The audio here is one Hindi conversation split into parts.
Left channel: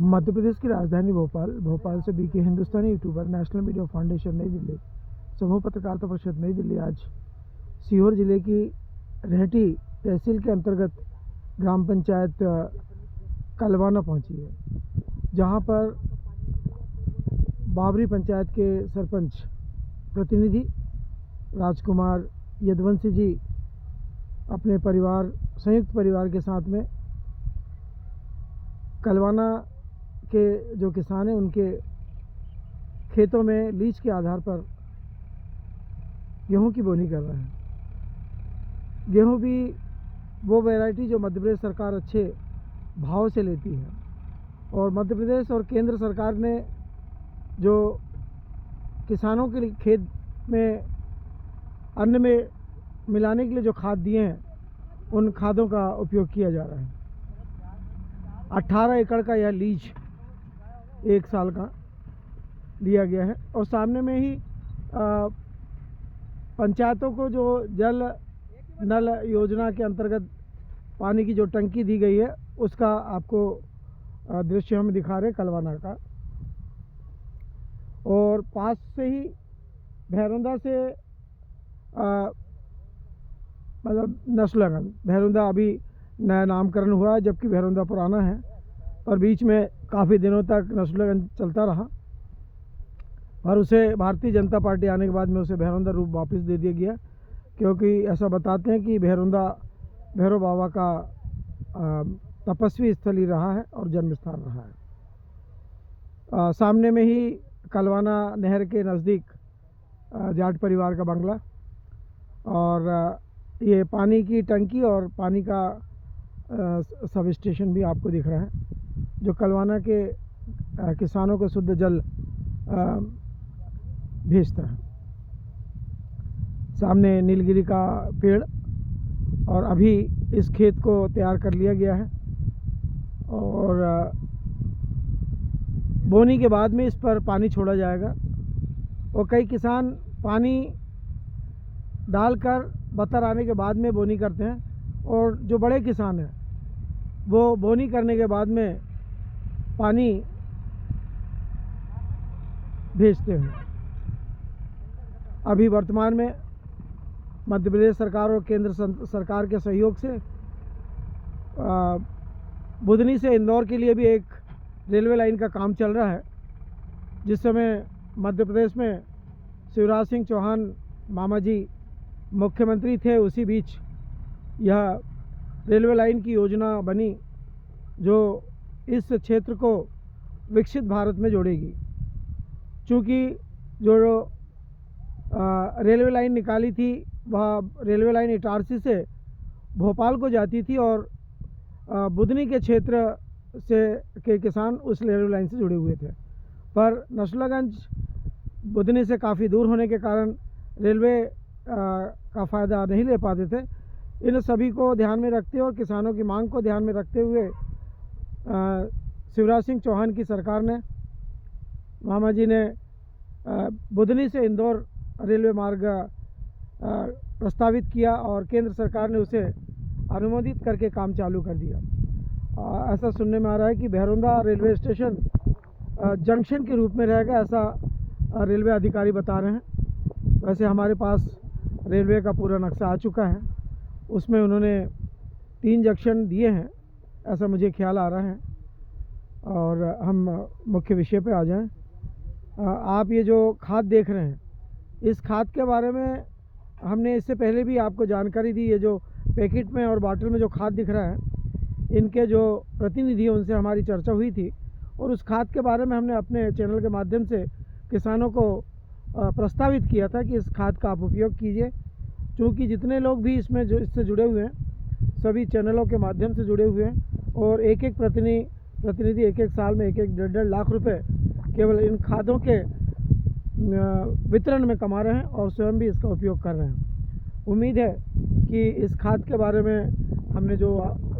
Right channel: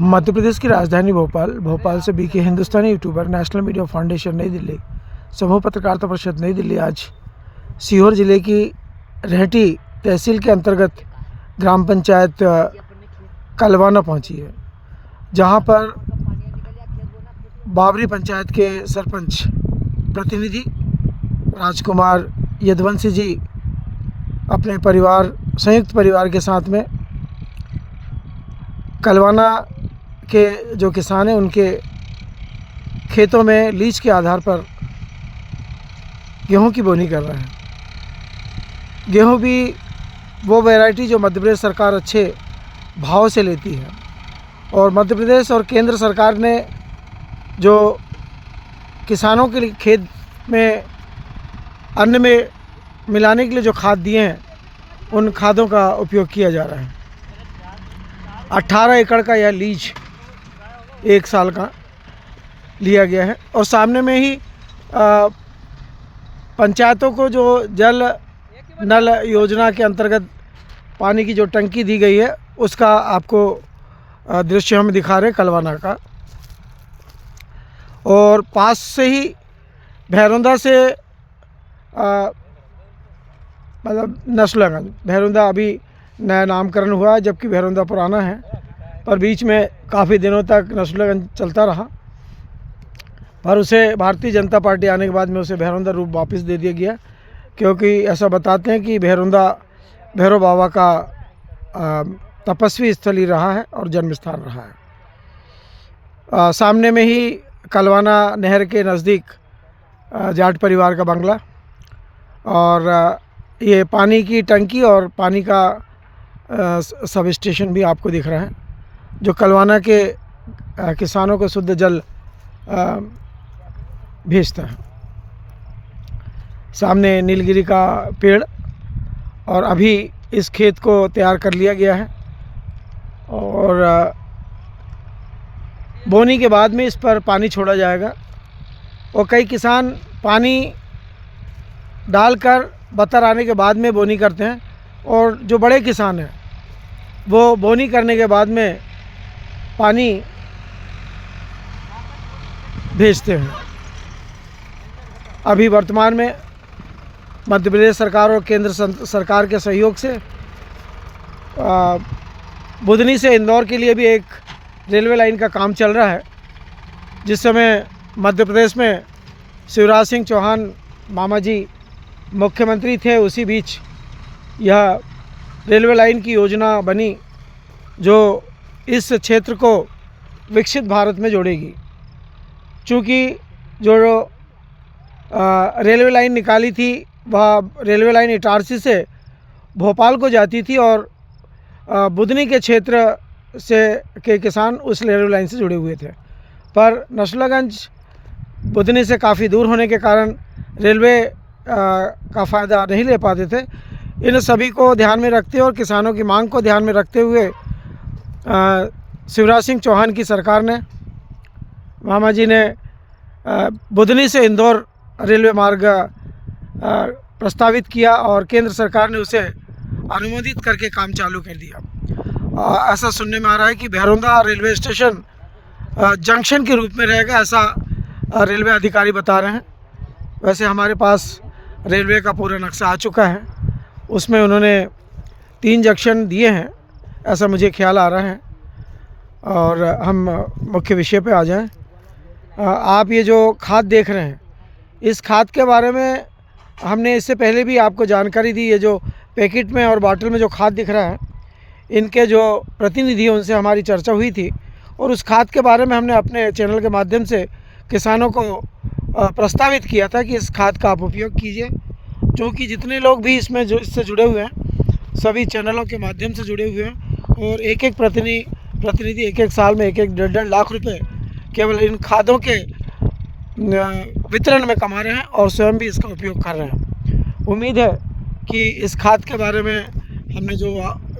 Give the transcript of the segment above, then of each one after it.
मध्य प्रदेश की राजधानी भोपाल से बीके हिंदुस्तानी यूट्यूबर नेशनल मीडिया फाउंडेशन नई दिल्ली समूह पत्रकारिता परिषद नई दिल्ली आज सीहोर जिले की रेहटी तहसील के अंतर्गत ग्राम पंचायत कलवाना पहुंची है, जहां पर बाबरी पंचायत के सरपंच प्रतिनिधि राजकुमार यदुवंशी जी अपने संयुक्त परिवार के साथ में कलवाना के जो किसान हैं उनके खेतों में लीज के आधार पर गेहूं की बोनी कर रहे हैं। गेहूं भी वो वैरायटी जो मध्य प्रदेश सरकार अच्छे भाव से लेती है, और मध्य प्रदेश और केंद्र सरकार ने जो किसानों के लिए खेत में अन्न में मिलाने के लिए जो खाद दिए हैं, उन खादों का उपयोग किया जा रहा है। 18 एकड़ का यह लीज 1 साल का लिया गया है, और सामने में ही पंचायतों को जो जल नल योजना के अंतर्गत पानी की जो टंकी दी गई है, उसका आपको दृश्य हम दिखा रहे हैं कलवाना का। और पास से ही भैरुंदा से मतलब नसरुल्लागंज, भैरुंदा अभी नया नामकरण हुआ है, जबकि भैरुंदा पुराना है, पर बीच में काफ़ी दिनों तक नसरुल्लागंज चलता रहा, पर उसे भारतीय जनता पार्टी आने के बाद में उसे भैरुंदा रूप वापस दे दिया गया, क्योंकि ऐसा बताते हैं कि भैरुंदा भैरव बाबा का तपस्वी स्थली रहा है और जन्म स्थान रहा है। सामने में ही कलवाना नहर के नज़दीक जाट परिवार का बंगला, और ये पानी की टंकी और पानी का सब स्टेशन भी आपको दिख रहा है, जो कलवाना के किसानों को शुद्ध जल भेजता है। सामने नीलगिरी का पेड़, और अभी इस खेत को तैयार कर लिया गया है, और बोनी के बाद में इस पर पानी छोड़ा जाएगा। और कई किसान पानी डालकर बतर आने के बाद में बोनी करते हैं, और जो बड़े किसान हैं वो बोनी करने के बाद में पानी भेजते हैं। अभी वर्तमान में मध्य प्रदेश सरकार और केंद्र सरकार के सहयोग से बुधनी से इंदौर के लिए भी एक रेलवे लाइन का काम चल रहा है। जिस समय मध्य प्रदेश में शिवराज सिंह चौहान मामा जी मुख्यमंत्री थे, उसी बीच यह रेलवे लाइन की योजना बनी, जो इस क्षेत्र को विकसित भारत में जोड़ेगी। चूँकि जो रेलवे लाइन निकाली थी, वह रेलवे लाइन इटारसी से भोपाल को जाती थी, और बुधनी के क्षेत्र से के किसान उस रेलवे लाइन से जुड़े हुए थे, पर नसरुल्लागंज बुधनी से काफ़ी दूर होने के कारण रेलवे का फ़ायदा नहीं ले पाते थे। इन सभी को ध्यान में रखते और किसानों की मांग को ध्यान में रखते हुए शिवराज सिंह चौहान की सरकार ने, मामा जी ने बुधनी से इंदौर रेलवे मार्ग प्रस्तावित किया, और केंद्र सरकार ने उसे अनुमोदित करके काम चालू कर दिया। ऐसा सुनने में आ रहा है कि भैरुंदा रेलवे स्टेशन जंक्शन के रूप में रहेगा, ऐसा रेलवे अधिकारी बता रहे हैं। वैसे हमारे पास रेलवे का पूरा नक्शा आ चुका है, उसमें उन्होंने 3 जंक्शन दिए हैं, ऐसा मुझे ख्याल आ रहा है। और हम मुख्य विषय पे आ जाएं। आप ये जो खाद देख रहे हैं, इस खाद के बारे में हमने इससे पहले भी आपको जानकारी दी। ये जो पैकेट में और बॉटल में जो खाद दिख रहा है, इनके जो प्रतिनिधि हैं उनसे हमारी चर्चा हुई थी, और उस खाद के बारे में हमने अपने चैनल के माध्यम से किसानों को प्रस्तावित किया था कि इस खाद का आप उपयोग कीजिए। क्योंकि जितने लोग भी इससे जुड़े हुए हैं, सभी चैनलों के माध्यम से जुड़े हुए हैं, और एक एक प्रतिनिधि एक साल में 1-1 लाख रुपए केवल इन खादों के वितरण में कमा रहे हैं, और स्वयं भी इसका उपयोग कर रहे हैं। उम्मीद है कि इस खाद के बारे में हमने जो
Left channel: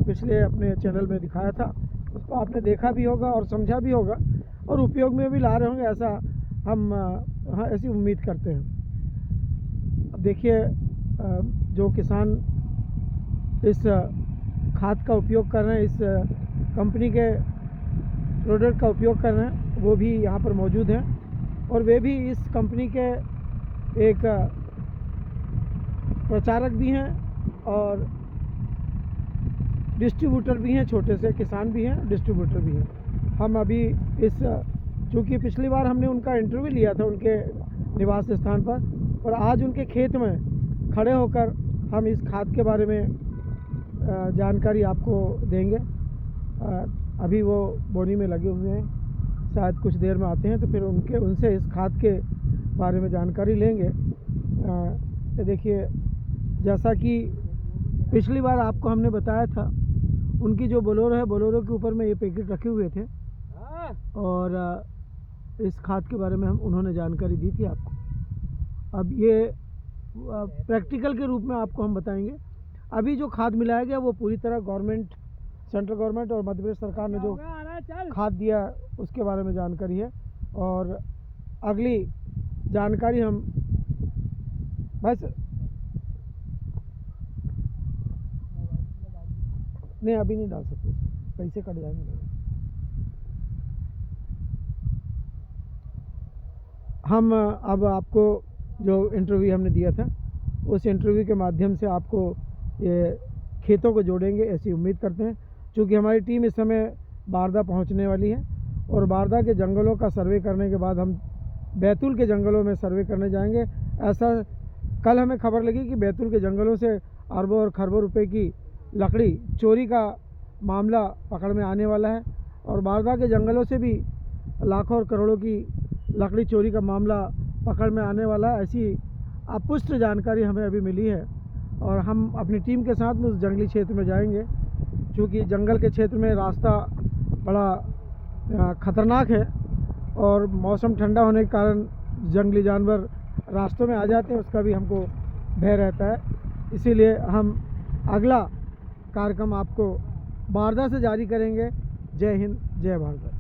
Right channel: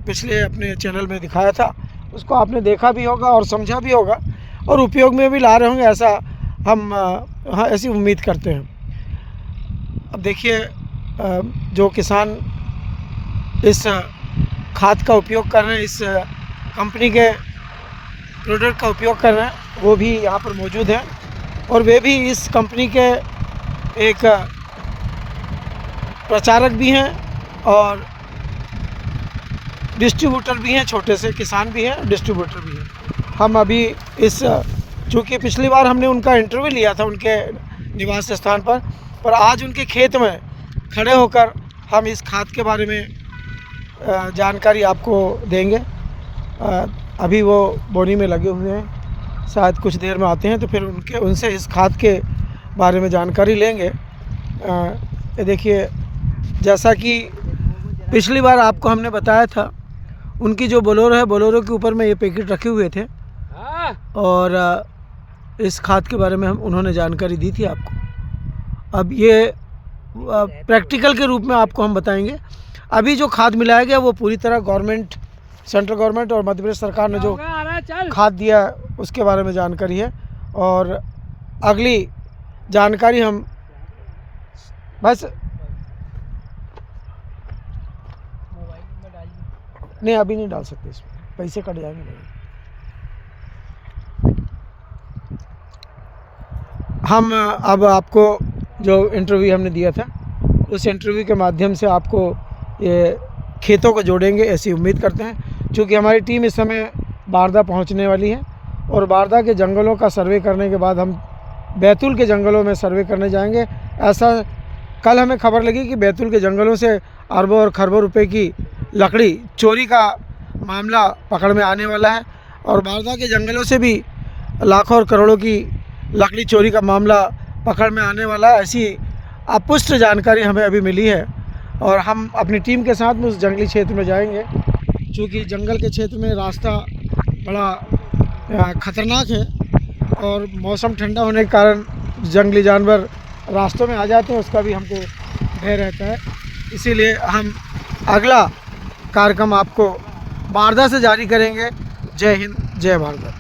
पिछले अपने चैनल में दिखाया था, उसको आपने देखा भी होगा और समझा भी होगा, और उपयोग में भी ला रहे होंगे, ऐसा हम ऐसी उम्मीद करते हैं। अब देखिए, जो किसान इस खाद का उपयोग कर रहे हैं, इस कंपनी के प्रोडक्ट का उपयोग कर रहे हैं वो भी यहाँ पर मौजूद हैं, और वे भी इस कंपनी के एक प्रचारक भी हैं और डिस्ट्रीब्यूटर भी हैं, छोटे से किसान भी हैं, डिस्ट्रीब्यूटर भी हैं। हम अभी चूँकि पिछली बार हमने उनका इंटरव्यू लिया था उनके निवास स्थान पर आज उनके खेत में खड़े होकर हम इस खाद के बारे में जानकारी आपको देंगे। अभी वो बोनी में लगे हुए हैं, शायद कुछ देर में आते हैं तो फिर उनसे इस खाद के बारे में जानकारी लेंगे। ये देखिए, जैसा कि पिछली बार आपको हमने बताया था, उनकी जो बोलेरो है, बोलेरो के ऊपर में ये पैकेट रखे हुए थे और इस खाद के बारे में उन्होंने जानकारी दी थी आपको। अब ये प्रैक्टिकल के रूप में आपको हम बताएंगे। अभी जो खाद मिलाया गया वो पूरी तरह गवर्नमेंट, सेंट्रल गवर्नमेंट और मध्य प्रदेश सरकार ने जो खाद दिया उसके बारे में जानकारी है, और अगली जानकारी हम बस नहीं अभी नहीं डाल सकते, इसमें पैसे कट जाएंगे। हम अब आपको जो इंटरव्यू हमने दिया था उस इंटरव्यू के माध्यम से आपको ये खेतों को जोड़ेंगे ऐसी उम्मीद करते हैं। क्योंकि हमारी टीम इस समय बारदा पहुंचने वाली है और बारदा के जंगलों का सर्वे करने के बाद हम बैतूल के जंगलों में सर्वे करने जाएंगे। ऐसा कल हमें खबर लगी कि बैतूल के जंगलों से अरबों और खरबों रुपए की लकड़ी चोरी का मामला पकड़ में आने वाला है, और बारदा के जंगलों से भी लाखों और करोड़ों की लकड़ी चोरी का मामला पकड़ में आने वाला है। ऐसी अपुष्ट जानकारी हमें अभी मिली है और हम अपनी टीम के साथ में उस जंगली क्षेत्र में जाएंगे। क्योंकि जंगल के क्षेत्र में रास्ता बड़ा ख़तरनाक है और मौसम ठंडा होने के कारण जंगली जानवर रास्तों में आ जाते हैं, उसका भी हमको भय रहता है। इसीलिए हम अगला कार्यक्रम आपको बारदा से जारी करेंगे। जय हिंद, जय भारत।